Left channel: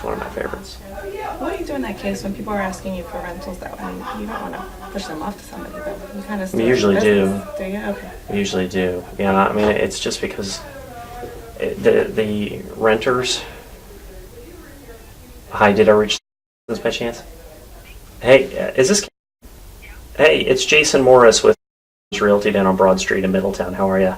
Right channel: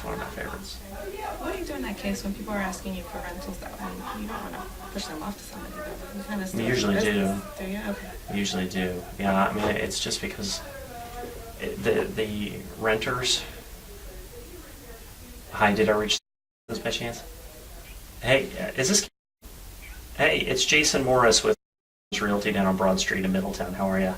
is one of my favorites. What do you do in that case when people are asking you for rentals? That I mean, you don't want to push them off to somebody, but you kind of. We usually do. Do you? Okay. We usually do. Yeah, I mean, it's just because the renters. Hi, did I reach this by chance? Hey, is this? Hey, it's Jason Morris with Realty down on Broad Street in Middletown. How are you?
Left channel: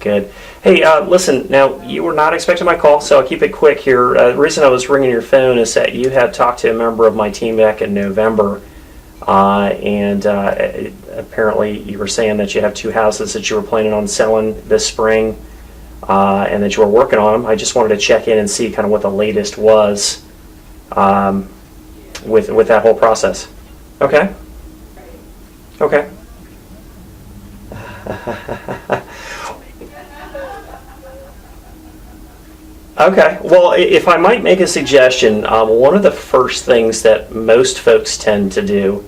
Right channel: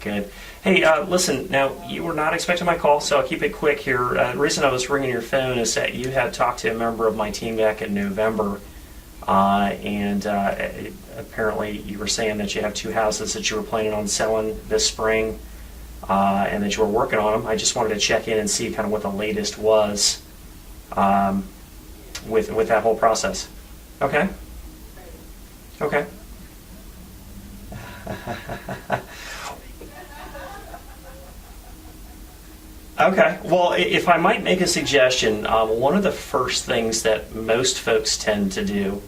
Good. Hey, listen, now, you were not expecting my call, so I'll keep it quick here. The reason I was ringing your phone is that you had talked to a member of my team back in November, and apparently you were saying that you have 2 houses that you were planning on selling this spring, and that you were working on them. I just wanted to check in and see kind of what the latest was with that whole process. Okay? Okay. Okay. Well, if I might make a suggestion, one of the first things that most folks tend to do,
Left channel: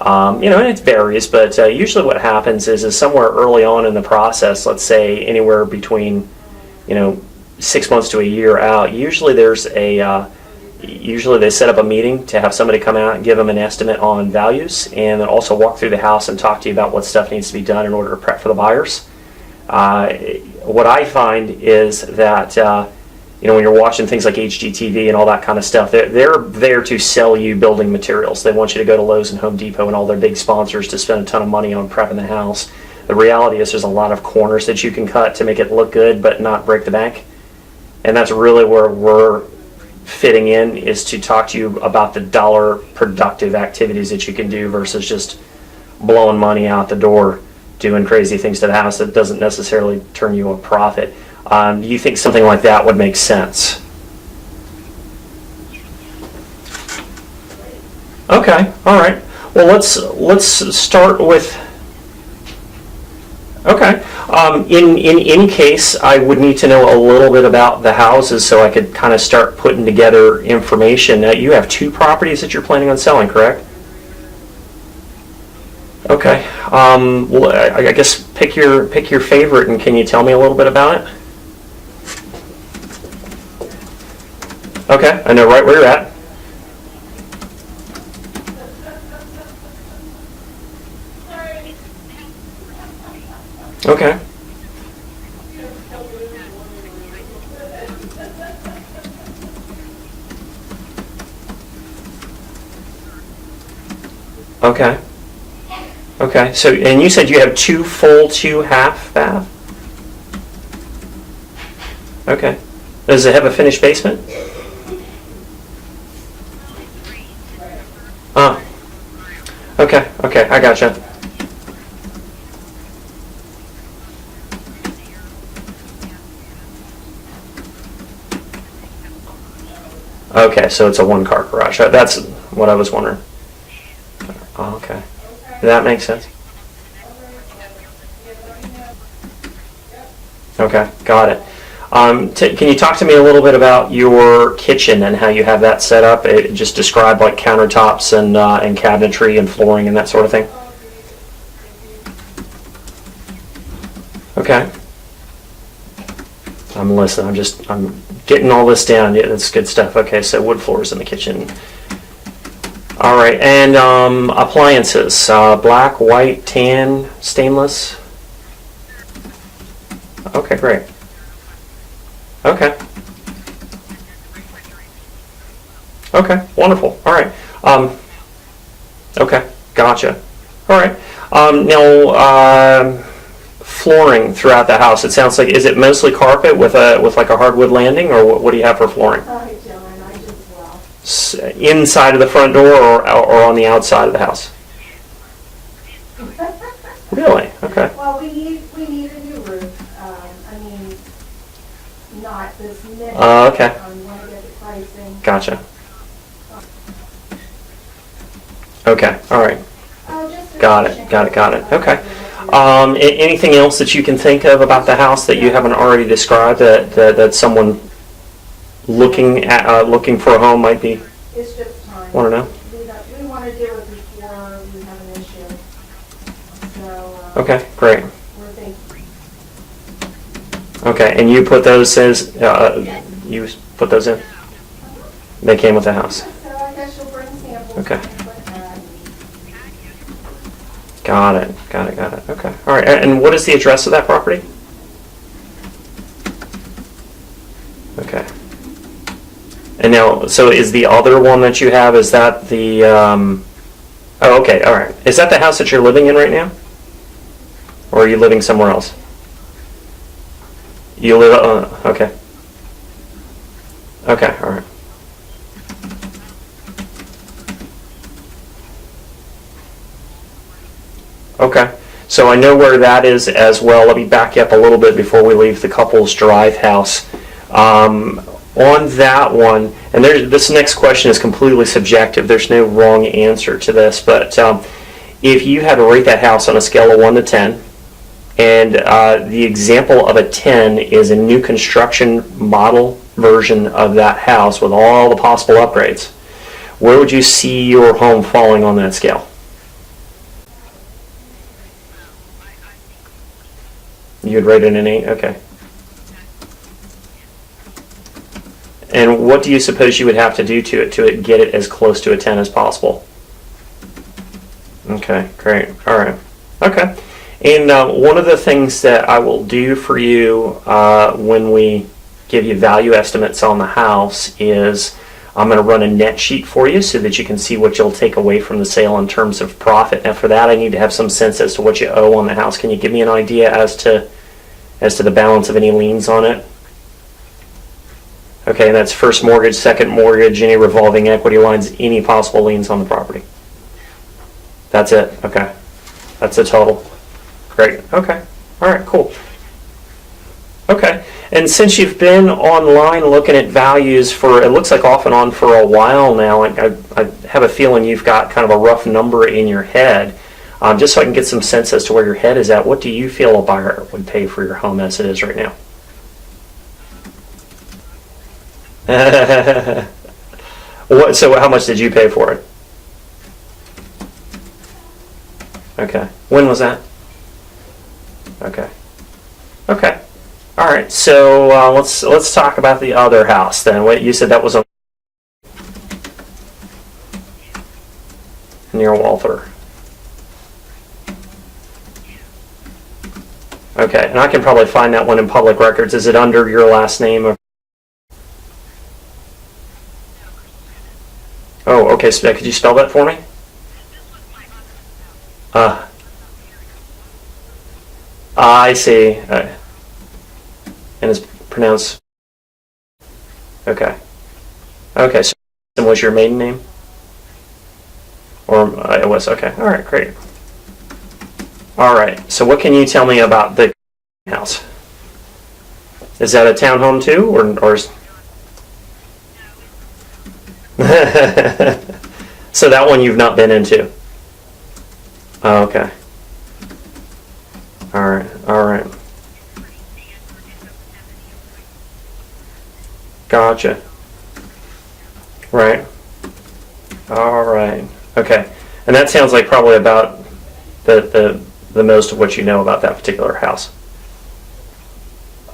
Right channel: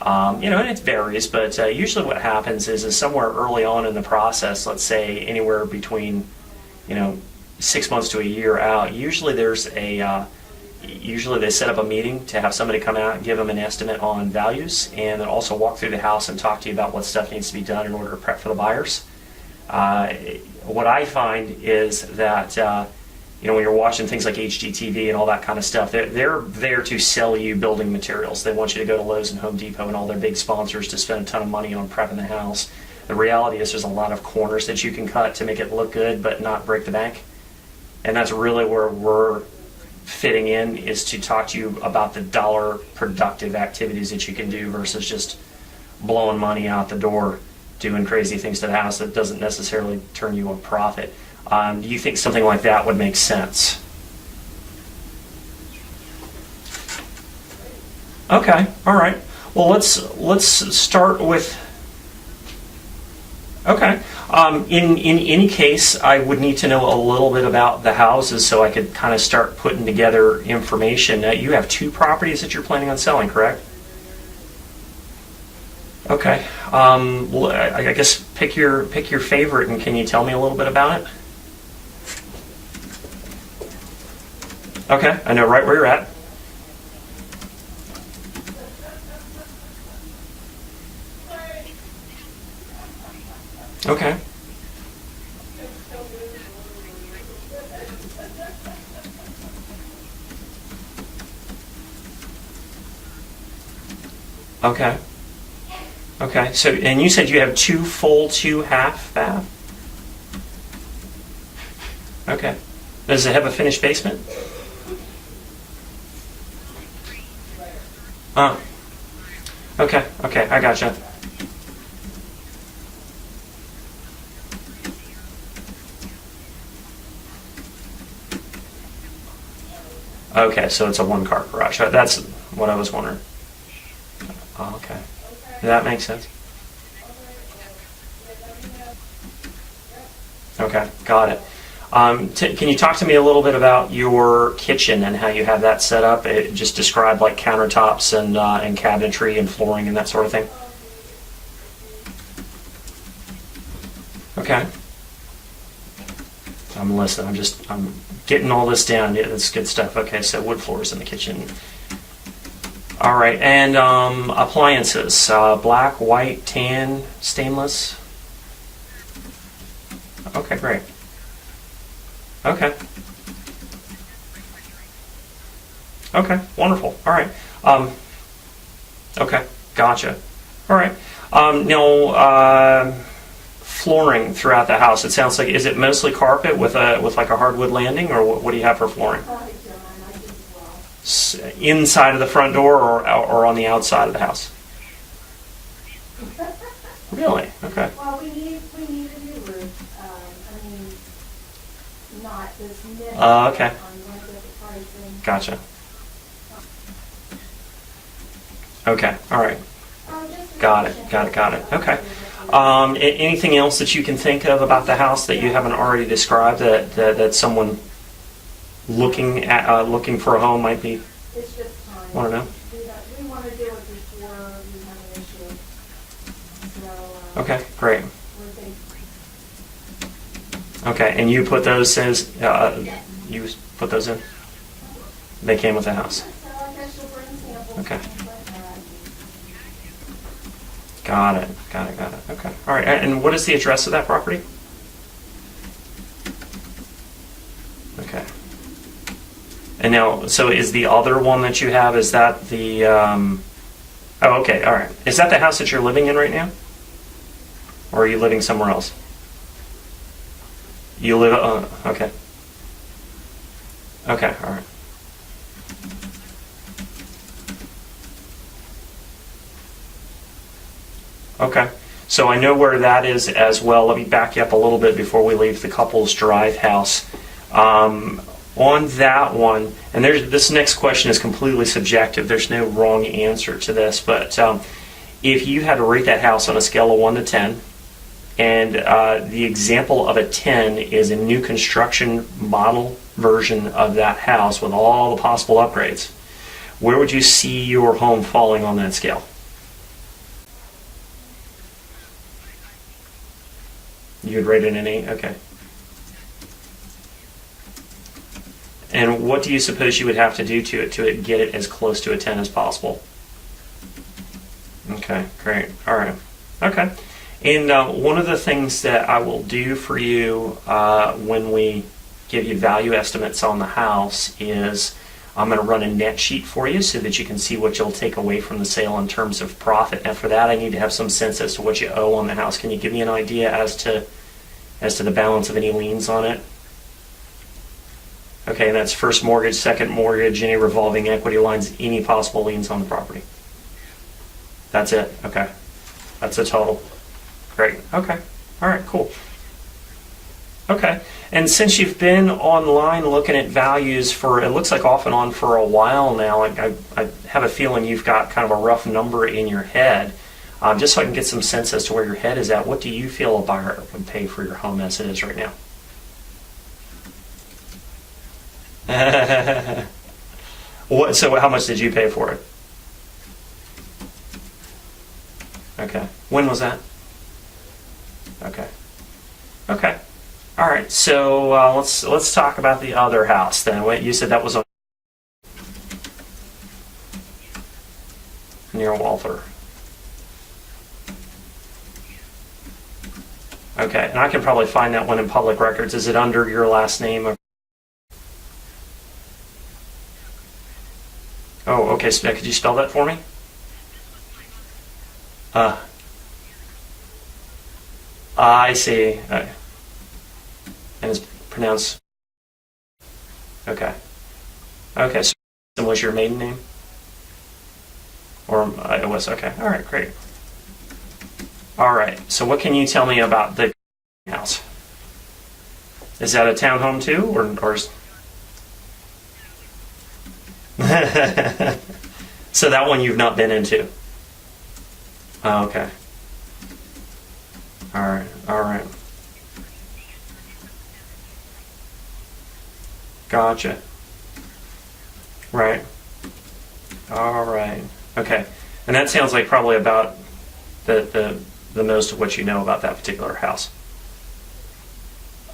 and it varies, but usually what happens is somewhere early on in the process, let's say anywhere between, 6 months to a year out, usually they set up a meeting to have somebody come out and give them an estimate on values, and then also walk through the house and talk to you about what stuff needs to be done in order to prep for the buyers. What I find is that when you're watching things like HGTV and all that kind of stuff, they're there to sell you building materials. They want you to go to Lowe's and Home Depot and all their big sponsors to spend a ton of money on prepping the house. The reality is there's a lot of corners that you can cut to make it look good but not break the bank. And that's really where we're fitting in, is to talk to you about the dollar productive activities that you can do versus just blowing money out the door doing crazy things to the house that doesn't necessarily turn you a profit. Do you think something like that would make sense? Okay, all right. Well, let's start with. Okay. In any case, I would need to know a little bit about the houses so I could kind of start putting together information. You have 2 properties that you're planning on selling, correct? Okay. Well, I guess pick your favorite, and can you tell me a little bit about it? Okay, I know right where you're at. Okay. Okay. Okay. So, and you said you have 2 full, 2 half bath? Okay. Does it have a finished basement? Oh. Okay. Okay. I gotcha. Okay, so it's a 1-car garage. That's what I was wondering. Oh, okay. That makes sense. Okay, got it. Can you talk to me a little bit about your kitchen and how you have that set up? Just describe like countertops and cabinetry and flooring and that sort of thing. Okay. I'm listening. I'm getting all this down. Yeah, that's good stuff. Okay, so wood floors in the kitchen. All right, and appliances: black, white, tan, stainless. Okay, great. Okay. Okay, wonderful. All right. Okay, gotcha. All right. Now, flooring throughout the house. It sounds like, is it mostly carpet with like a hardwood landing, or what do you have for flooring? Inside of the front door, or on the outside of the house? Really? Okay. Well, we need a new roof. Not this minute. Okay. We want to get the pricing. Gotcha. Okay. All right. Got it. Okay. Anything else that you can think of about the house that you haven't already described that someone looking for a home might be It's just time. want to know? We want to do it before we have an issue. So, Okay, great. we're thinking. Okay, and you put those as you put those in? They came with the house. So I guess you'll bring samples. Okay. and things like that. Got it. Okay. All right. And what is the address of that property? Okay. And now, so is the other one that you have, is that the, oh, okay, all right. Is that the house that you're living in right now? Or are you living somewhere else? You live, okay. Okay, all right. Okay, so I know where that is as well. Let me back you up a little bit before we leave the Couples Drive house. On that one, and this next question is completely subjective. There's no wrong answer to this, but if you had to rate that house on a scale of 1 to 10, and the example of a 10 is a new construction model version of that house with all the possible upgrades, where would you see your home falling on that scale? You'd rate it an 8? Okay. And what do you suppose you would have to do to it get it as close to a 10 as possible? Okay, great. All right. Okay. And one of the things that I will do for you when we give you value estimates on the house is I'm going to run a net sheet for you so that you can see what you'll take away from the sale in terms of profit. And for that, I need to have some sense as to what you owe on the house. Can you give me an idea as to the balance of any liens on it? Okay, and that's first mortgage, second mortgage, any revolving equity lines, any possible liens on the property. That's it. Okay. That's the total. Great. Okay. All right, cool. Okay. And since you've been online looking at values for, it looks like off and on for a while now, I have a feeling you've got kind of a rough number in your head. Just so I can get some sense as to where your head is at, what do you feel a buyer would pay for your home as it is right now? So how much did you pay for it? Okay. When was that? Okay. Okay. All right. So let's talk about the other house then. What you said that was near Walther. Okay. And I can probably find that one in public records. Is it under your last name? Or? Oh, okay. So could you spell that for me? I see. And it's pronounced. Okay. Okay. So was your maiden name? Or it was. Okay. All right. Great. All right. So what can you tell me about the house? Is that a townhome too, or is... So that one you've not been into? Oh, okay. All right. All right. Gotcha. Right. All right. Okay. And that sounds like probably about the most of what you know about that particular house.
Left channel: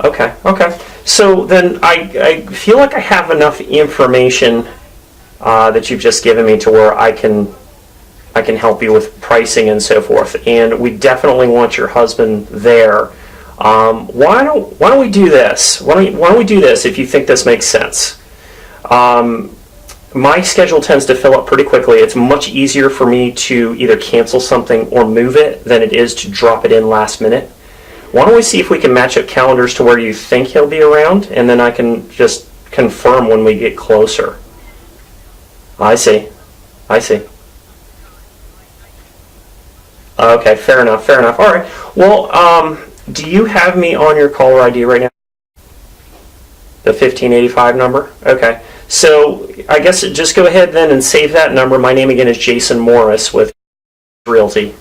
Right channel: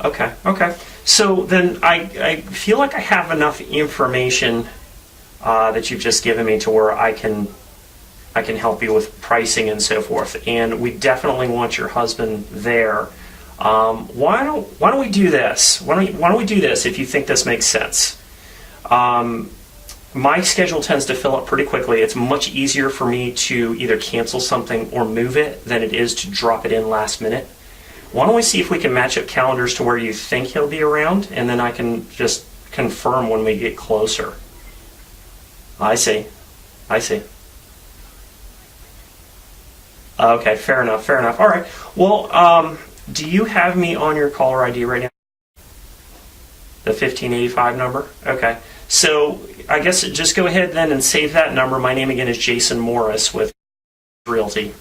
Okay. Okay. So then I feel like I have enough information that you've just given me to where I can help you with pricing and so forth. And we definitely want your husband there. Why don't we do this? Why don't we do this if you think this makes sense? My schedule tends to fill up pretty quickly. It's much easier for me to either cancel something or move it than it is to drop it in last minute. Why don't we see if we can match up calendars to where you think he'll be around, and then I can just confirm when we get closer. I see. I see. Okay, fair enough, fair enough. All right. Well, do you have me on your caller ID right now? The 1585 number? Okay. So I guess just go ahead then and save that number. My name again is Jason Morris with Realty.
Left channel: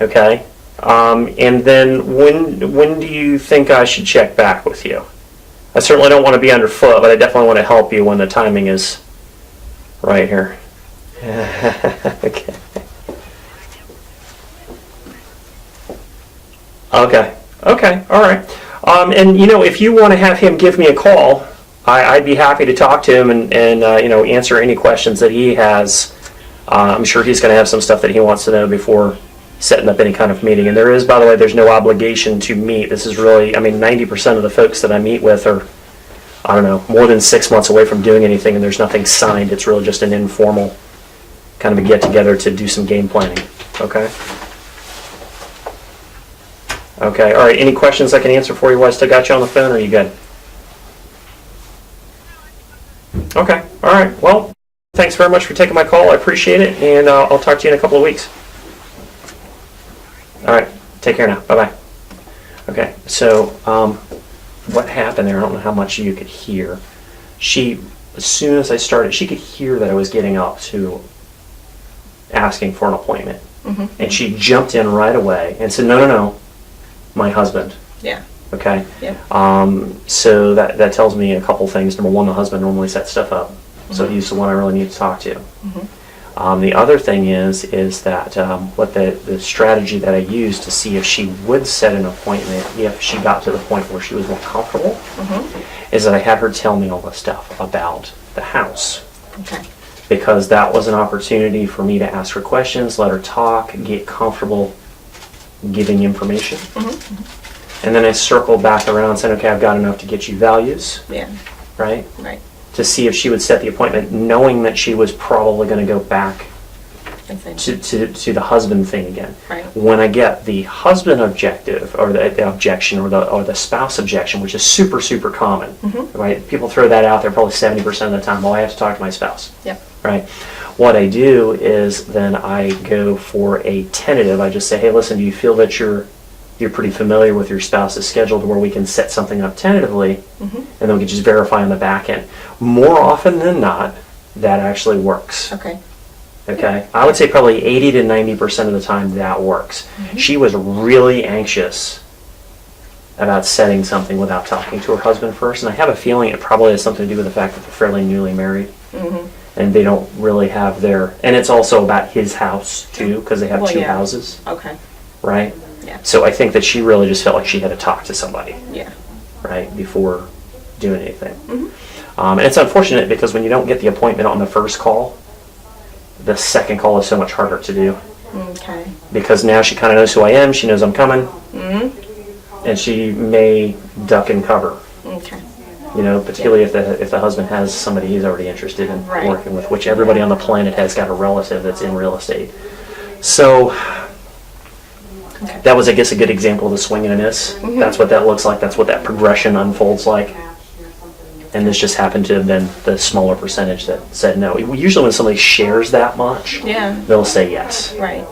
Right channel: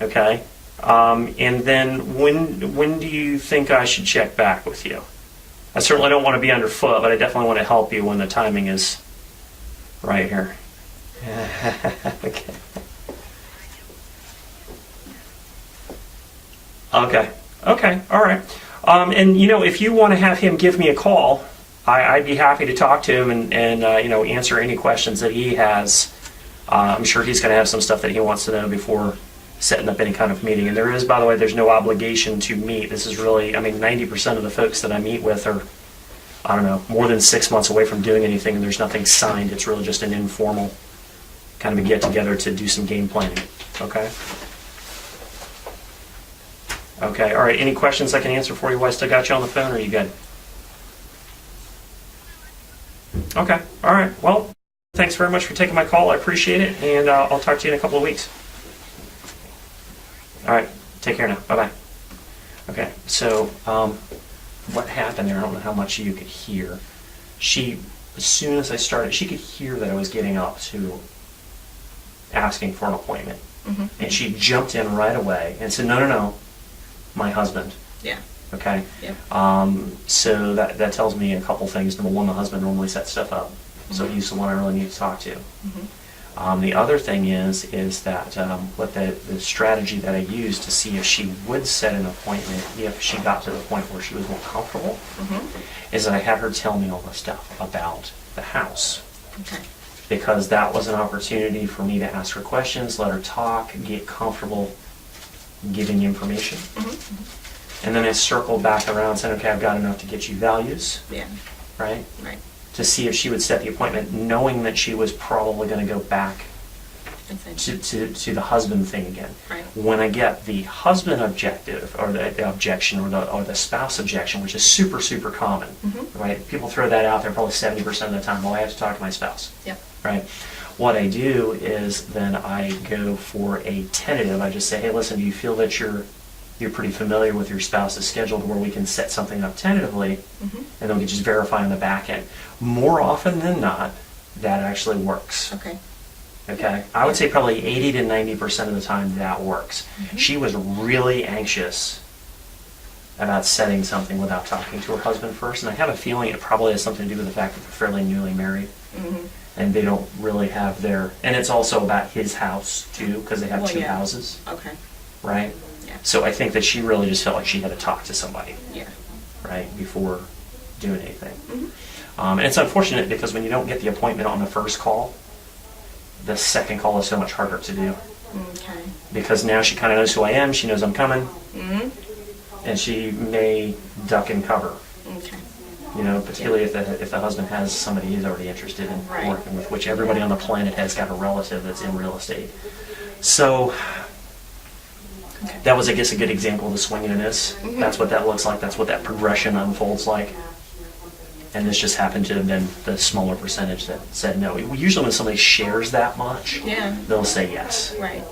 Okay. And then when do you think I should check back with you? I certainly don't want to be underfoot, but I definitely want to help you when the timing is right here. Okay. Okay. Okay. All right. And if you want to have him give me a call, I'd be happy to talk to him and answer any questions that he has. I'm sure he's going to have some stuff that he wants to know before setting up any kind of meeting. And there is, by the way, there's no obligation to meet. This is really, 90% of the folks that I meet with are, I don't know, more than 6 months away from doing anything, and there's nothing signed. It's really just an informal kind of a get-together to do some game planning. Okay? Okay, all right. Any questions I can answer for you while I still got you on the phone, or are you good? Okay, all right. Well, thanks very much for taking my call. I appreciate it, and I'll talk to you in a couple of weeks. All right, take care now. Bye-bye. Okay, so what happened there, I don't know how much you could hear. As soon as I started, she could hear that I was getting up to asking for an appointment. Mm-hmm. And she jumped in right away and said, no, my husband. Yeah. Okay? Yep. So that tells me a couple things. Number one, the husband normally sets stuff up. So he's the one I really need to talk to. Mm-hmm. The other thing is that what the strategy that I used to see if she would set an appointment if she got to the point where she was more comfortable is that I had her tell me all the stuff about the house. Okay. Because that was an opportunity for me to ask her questions, let her talk, get comfortable giving information. And then I circled back around and said, okay, I've got enough to get you values, Yeah. right? Right. To see if she would set the appointment, knowing that she was probably going to go back I think. to the husband thing again. Right. When I get the husband objective or the objection or the spouse objection, which is super, super common, right? People throw that out there probably 70% of the time. Well, I have to talk to my spouse. Yep. Right. What I do is then I go for a tentative. I just say, hey, listen, do you feel that you're pretty familiar with your spouse's schedule to where we can set something up tentatively, and then we can just verify on the back end. More often than not, that actually works. Okay. Okay? I would say probably 80 to 90% of the time that works. She was really anxious about setting something without talking to her husband first, and I have a feeling it probably has something to do with the fact that they're fairly newly married. And they don't really have and it's also about his house too, because they have two houses, Okay. right? Yeah. So I think that she really just felt like she had to talk to somebody, Yeah. right, before doing anything. And it's unfortunate because when you don't get the appointment on the first call, the second call is so much harder to do. Okay. Because now she kind of knows who I am, she knows I'm coming, and she may duck and cover. Okay. Particularly if the husband has somebody he's already interested in Right. working with, which everybody on the planet has got a relative that's in real estate. So that was, I guess, a good example of the swing and a miss. That's what that looks like. That's what that progression unfolds like. And this just happened to have been the smaller percentage that said no. Usually when somebody shares that much, Yeah. they'll say yes. Right.